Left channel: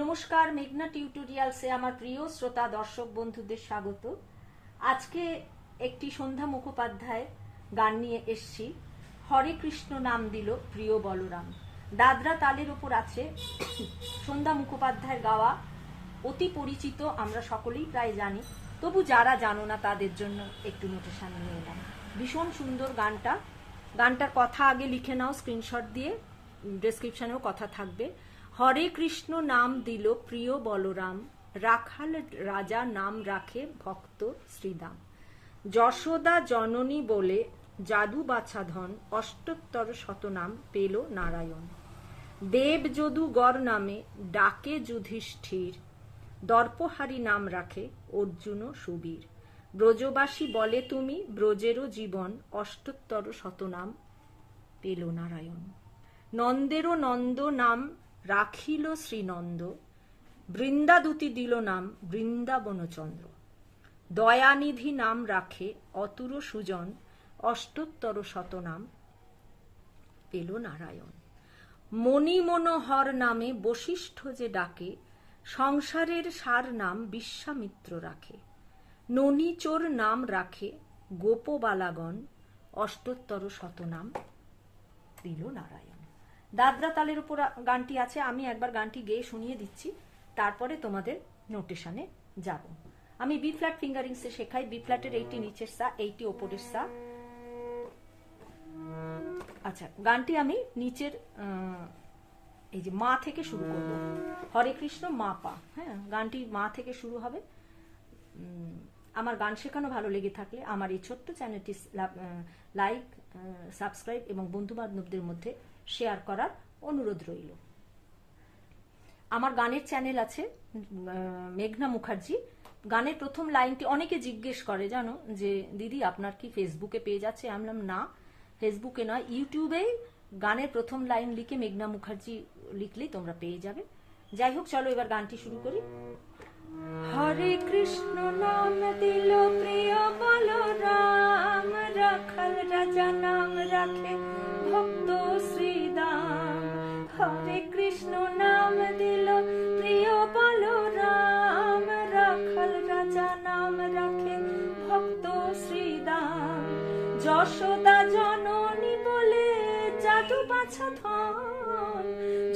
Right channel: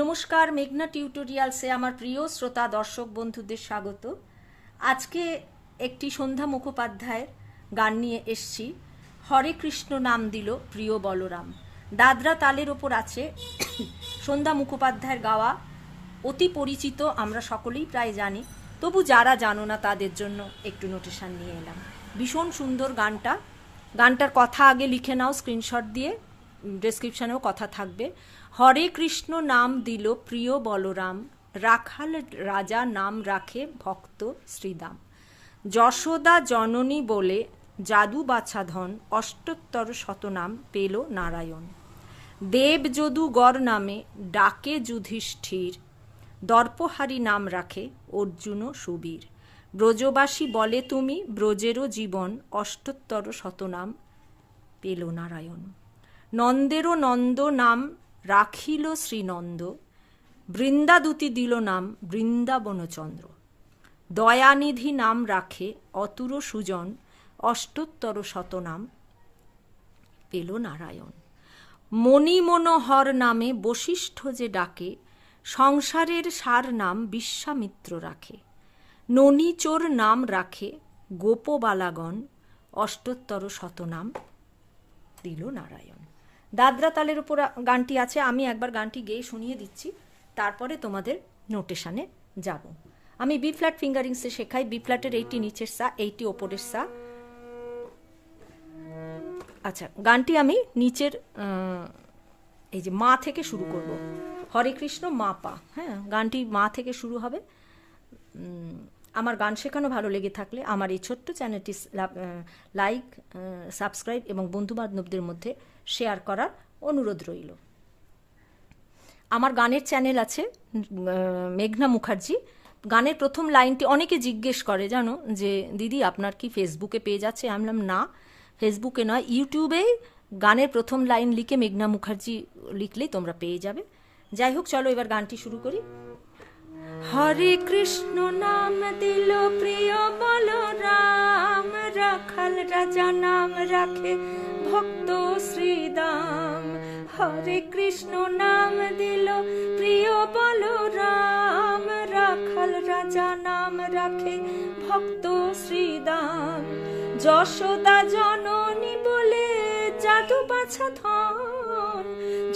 নমস্কার, মেঘনা টিউটোরিয়ালসে আমার প্রিয় শ্রোতা দর্শক বন্ধুদের স্বাগত। আজকে একটি সন্ধ্যা মুখোপাধ্যায় গান নিয়ে এসছি, হরে কৃষ্ণ নাম দিল প্রিয় বলরাম। দাদরা তালের ওপর আছে। সন্ধ্যা মুখোপাধ্যায়ের গাওয়া, অতি পরিচিত, আমরা সকলেই প্রায় জানি, তবু যারা জানো না তাদের জন্য একটু নোটেশন নিয়ে এলাম। ভীষণ সুন্দর গানটা। গানটার কথা আগে লিখে নাও স্ক্রিনশট দিয়ে, ডেসক্রিপশনেও কথা থাকবে। হরে কৃষ্ণ নাম দিল প্রিয় বলরাম, রাখাল রাজা নাম রাখে ভক্ত শ্রীদাম। যশোদা জননী বলে জাদু বাছাধন, অষ্টোত্তর শতনাম পেল নারায়ণ। দেব যদু গড় নামে ডাকে যুধিষ্ঠির, দর্পহারি নাম রাখে অর্জুন সুবীর। ব্রজবাসী বলে তুমি ব্রজেরও জীবন, অষ্টোত্তর শতনাম পেল নারায়ণ। নন্দেরও নন্দ নাম রাখিল শ্রীনন্দ, বৃন্দাদূতি দিল নাম বৃন্দাবনচন্দ্র। দয়ানিধি নাম রাখে অতুর সুজন, অষ্টোত্তর শতনাম পেল নারায়ণ। মণিমনোহর নামে বশিষ্ঠ যে ডাকে, সংসারের সার নাম বিশ্বামিত্র রাখে। ননীচোর নাম রাখে গোপবালাগণ, অষ্টোত্তর শতনাম দিল নারায়ণ। দাদরা তালের উপর গানটি আছে। আমি একবার গানটি গেয়ে শুনিয়ে দিচ্ছি, তারপরে তোমাদের নোটেশনে যাব। আমি বি ফ্ল্যাট ফিঙ্গারিংসে শেখাই। বি ফ্ল্যাটের এইটি নিচের সা, এইটি ওপরের সা। আচ্ছা, গানটি আমি নিচের এই যে মা থেকে শুরু করব। হরে কৃষ্ণ মা পা। হ্যাঁ, গানটি মা থেকে শুরু হবে। আমার গান শেখানো ভালো লেগে থাকলে আমার এই ছোট্ট চ্যানেলটি লাইক, সাবস্ক্রাইব এবং বন্ধুবান্ধবদের মধ্যে শেয়ার করার অনুরোধ রইল। আমার গানের চ্যানেল আছে মেঘনা মুখার্জি। গানের প্রথম লাইনটি অনেকে জিজ্ঞেস করে, জানো, যে দিদি আপনার কি ফেসবুকে পেজ আছে? আমি বললাম না, ফেসবুকে নয়, ইউটিউবে গানের প্রথম লাইন লিখে মেঘনা মুখার্জি লিখলেই তোমরা পেয়ে যাবে। যাই হোক, চলো এবার গানটি শুরু করি। হরে কৃষ্ণ নাম দিল প্রিয় বলরাম, রাখাল রাজা নাম রাখে ভক্ত শ্রীদাম। হরে কৃষ্ণ নাম দিল প্রিয় বলরাম, রাখাল রাজা নাম রাখে ভক্ত শ্রীদাম। যশোদা জননী বলে জাদু বাছাধন,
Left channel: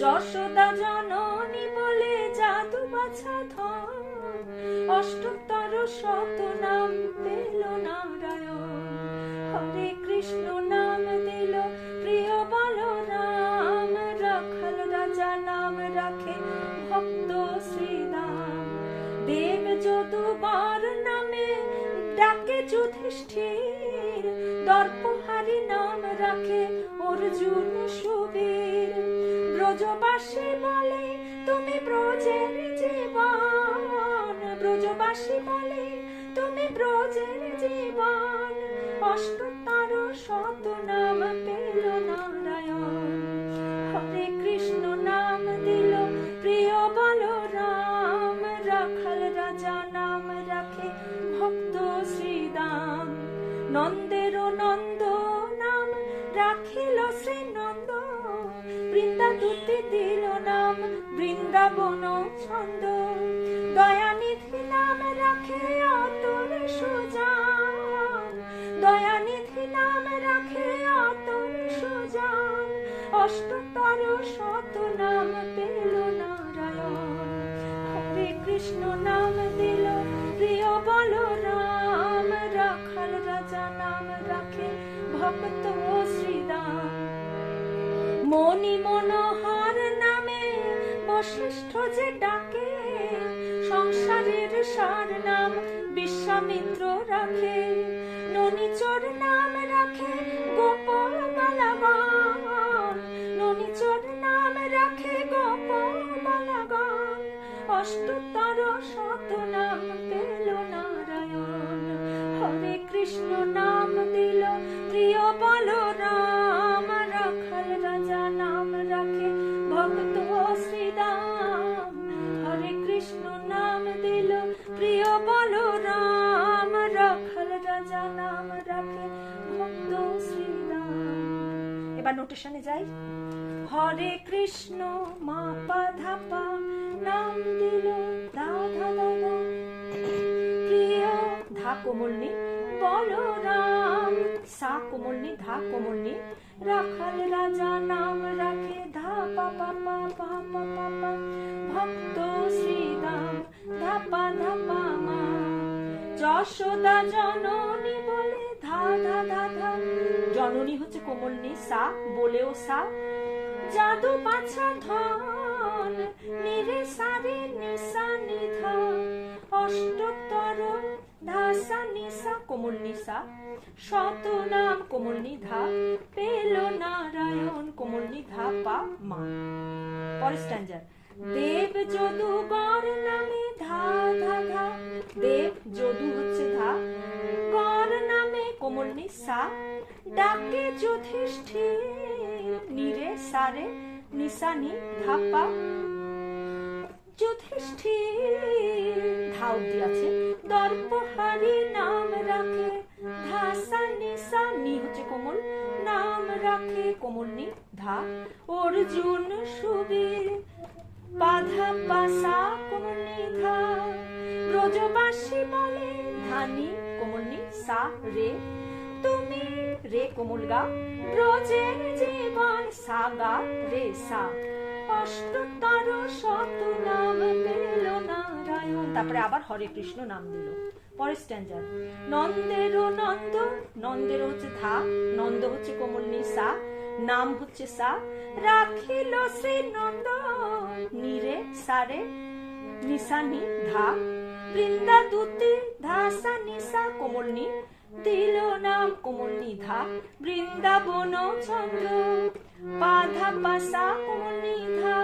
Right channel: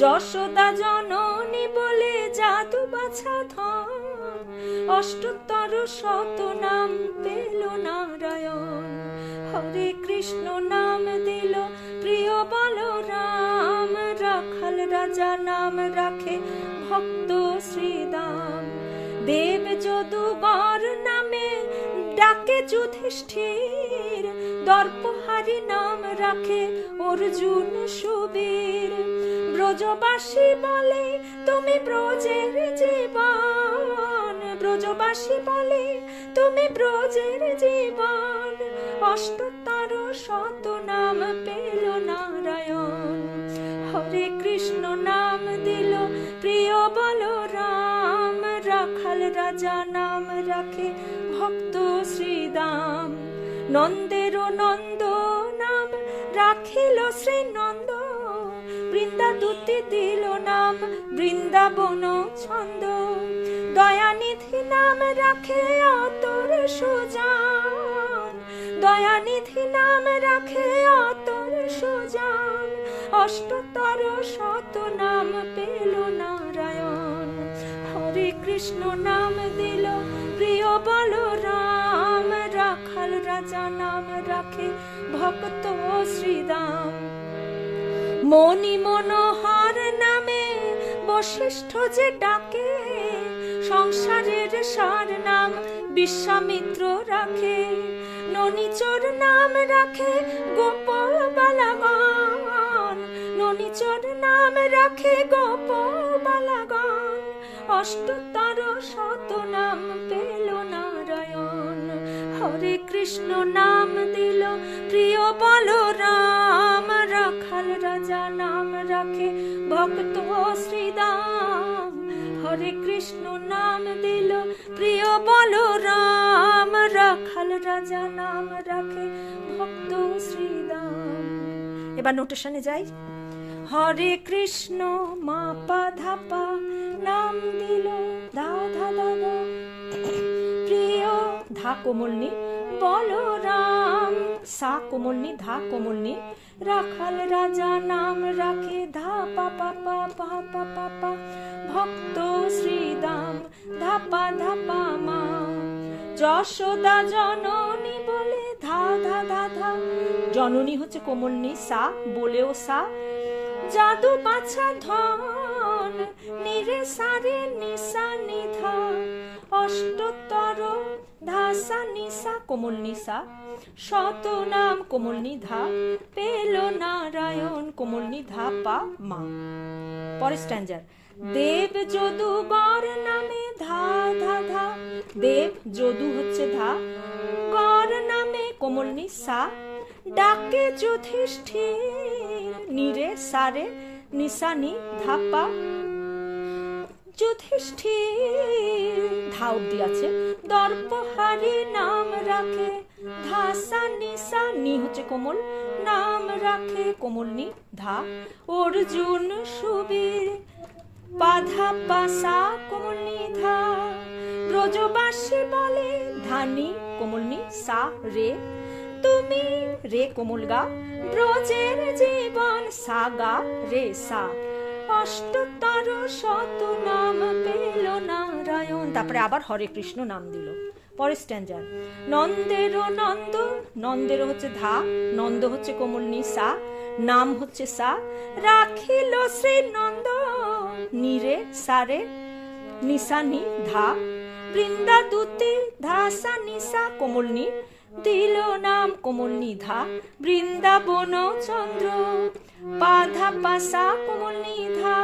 যশোদা জননী বলে জাদু বাছাধন, অষ্টোত্তর শতনাম পেল নারায়ণ। হরে কৃষ্ণ নাম দিল প্রিয় বলরাম, রাখাল রাজা নাম রাখে ভক্ত শ্রীদাম। দেব যদুবর নামে ডাকে যুধিষ্ঠির, দর্পহারি নাম রাখে অর্জুন সুবীর। ব্রজবাসী বলে তুমি ব্রজের জীবন, ব্রজবাসী বলে তুমি ব্রজের জীবন, অষ্টোত্তর শতনাম পেল নারায়ণ। হরে কৃষ্ণ নাম দিল প্রিয় বলরাম, রাখাল রাজা নাম রাখে ভক্ত শ্রীদাম। নন্দেরও নন্দ নাম রাখিল শ্রীনন্দ, বৃন্দাদূতি দিল নাম বৃন্দাবন ছন্দ। দয়ানিধি নাম রাখে অতুর সুজন, দয়ানিধি নাম রাখে অতুর সুজন, অষ্টোত্তর শতনাম পেল নারায়ণ। হরে কৃষ্ণ নাম দিল প্রিয় বলরাম, রাখাল রাজা নাম রাখে ভক্ত শ্রীদাম। মণি মনোহর নামে বশিষ্ঠ যে ডাকে, সংসারের সার নাম বিশ্বামিত্র রাখে। ননীচোর নাম রাখে গোপল বালাগণ, ননীচোর নাম রাখে গোপল বালাগণ, অষ্টোত্তর শতনাম পেল নারায়ণ। হরে কৃষ্ণ নাম দিল প্রিয় বলরাম, রাখাল রাজা নাম রাখে ভক্ত শ্রীদাম। হরে কৃষ্ণ নাম দিল প্রিয় বলরাম, রাখাল রাজা নাম রাখে ভক্ত শ্রীদাম। এবার নোটেশনে যাই। হরে কৃষ্ণ মা পা ধা পা, নাম কোমল নি ধা কোমল নি রাখাল রাজা নাম রাখে ধা পা পা পা পা পা পা পা ভক্ত শ্রীদাম ধা পা মা যশোদা জননী বলে ধা ধা ধা ধা জননী হচ্ছে কোমল নি সা বলেও সা জাদু বাছা ধন নিরে সারে নিসা নিধা অষ্টতর ধাসা নিসা কোমল নিসা শত নাম কোমল নিধা পেল নারায়ণ কোমল নিধা পা মা। পরের স্ট্যান্জার দেব যদুবর নামে ধা ধা ধা দেব যদু হচ্ছে ধা কর নামে কোমল নিসা ডাকে যুধিষ্ঠির নিরে সারে নিসানি ধাপা যুধিষ্ঠির ধা অব্দি আছে দর্পহারি নাম রাখে ধাসা নিসা নি হচ্ছে কোমল নাম রাখে কোমল নি ধা অর্জুন সুবীর বাধা পাসা কোমল নি ধা ব্রজবাসী বলে ধানি কোমল নি সা রে তুমি রে কোমল গা ব্রজের জীবন সাগা রে সা অষ্টতর শত নাম পেল নারায়ণ। তারপরে আবার হরে কৃষ্ণ নাম দিল। পরের স্ট্যান্জার নন্দের নন্দ নন্দের হচ্ছে ধা নন্দ হচ্ছে কোমল নি সা নাম হচ্ছে সা রাখিল শ্রী নন্দ নিরে সারে নিসানি ধা বৃন্দা দূতে ধাসা নিসা কোমল নি দিল নাম কোমল নিধা বৃন্দাবন চন্দ্র বাধা পাসা কোমল নিধা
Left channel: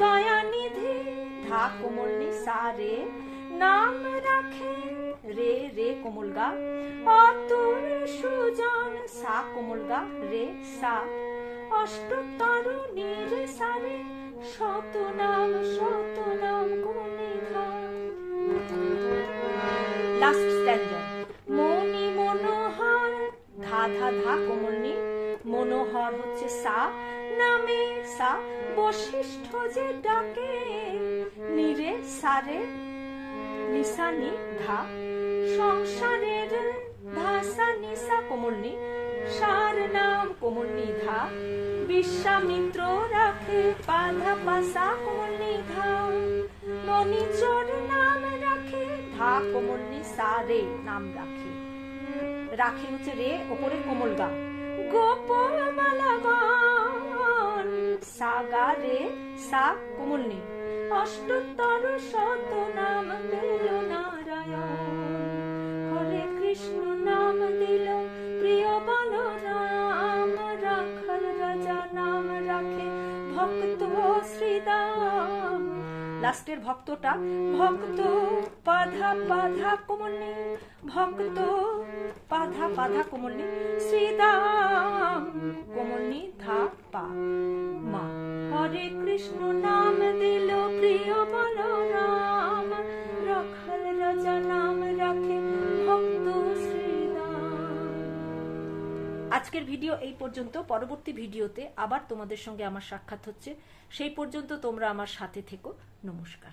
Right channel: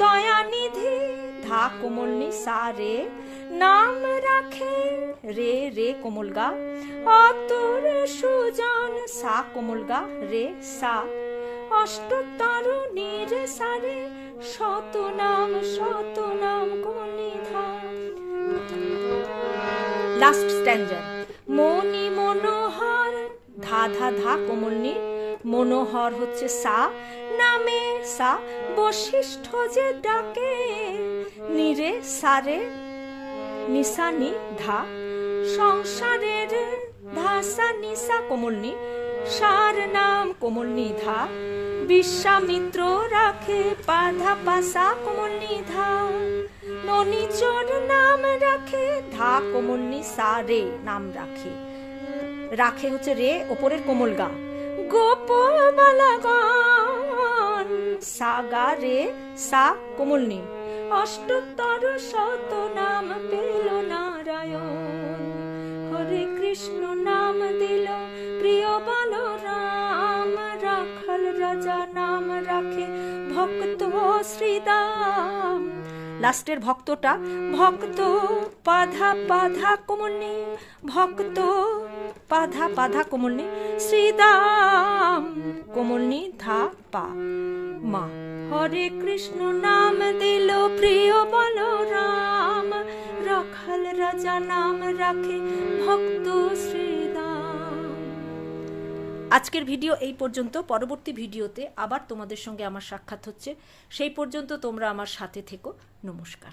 দয়ানিধি ধা কোমল নি সা রে নাম রাখে রে রে কোমল গা অতুর সুজন সা কোমল গা রে সা অষ্টতর নিরে সারে শত নাম কোমল নিধা। লাস্ট স্ট্যান্জার মনি মনোহর ধা ধা ধা কোমল নি মনোহর হচ্ছে সা নামে সা বশিষ্ঠ যে ডাকে নিরে সারে নিসানি ধা সংসারের ধাসা নিসা কোমল নি সার নাম কোমল নি ধা বিশ্বামিত্র রাখে বাধা পাসা কোমল নি ধা ননিচর নাম রাখে ধা কোমল নি সা রে নাম রাখে রাখে হচ্ছে রে ওপরের কোমল গা গোপবালাগণ সাগা রে সা কোমল নি অষ্টতর শত নাম পেল নারায়ণ হরে কৃষ্ণ নাম দিল প্রিয় বলরাম রাখাল রাজা নাম রাখে ভক্ত শ্রীদাম। লাস্টের ভক্তটা ভক্ত পাধা পাধা কোমল নি ভক্ত পাধা পাধা কোমল নি শ্রীদাম কোমল নি ধা পা মা। হরে কৃষ্ণ নাম দিল প্রিয় বলরাম রাখাল রাজা নাম রাখে ভক্ত শ্রীদাম। আজকের ভিডিও এই পর্যন্ত। পরবর্তী ভিডিওতে আবার তোমাদের সঙ্গে আমার সাক্ষাৎ হচ্ছে। সেই পর্যন্ত তোমরা আমার সাথে থেকো। নমস্কার।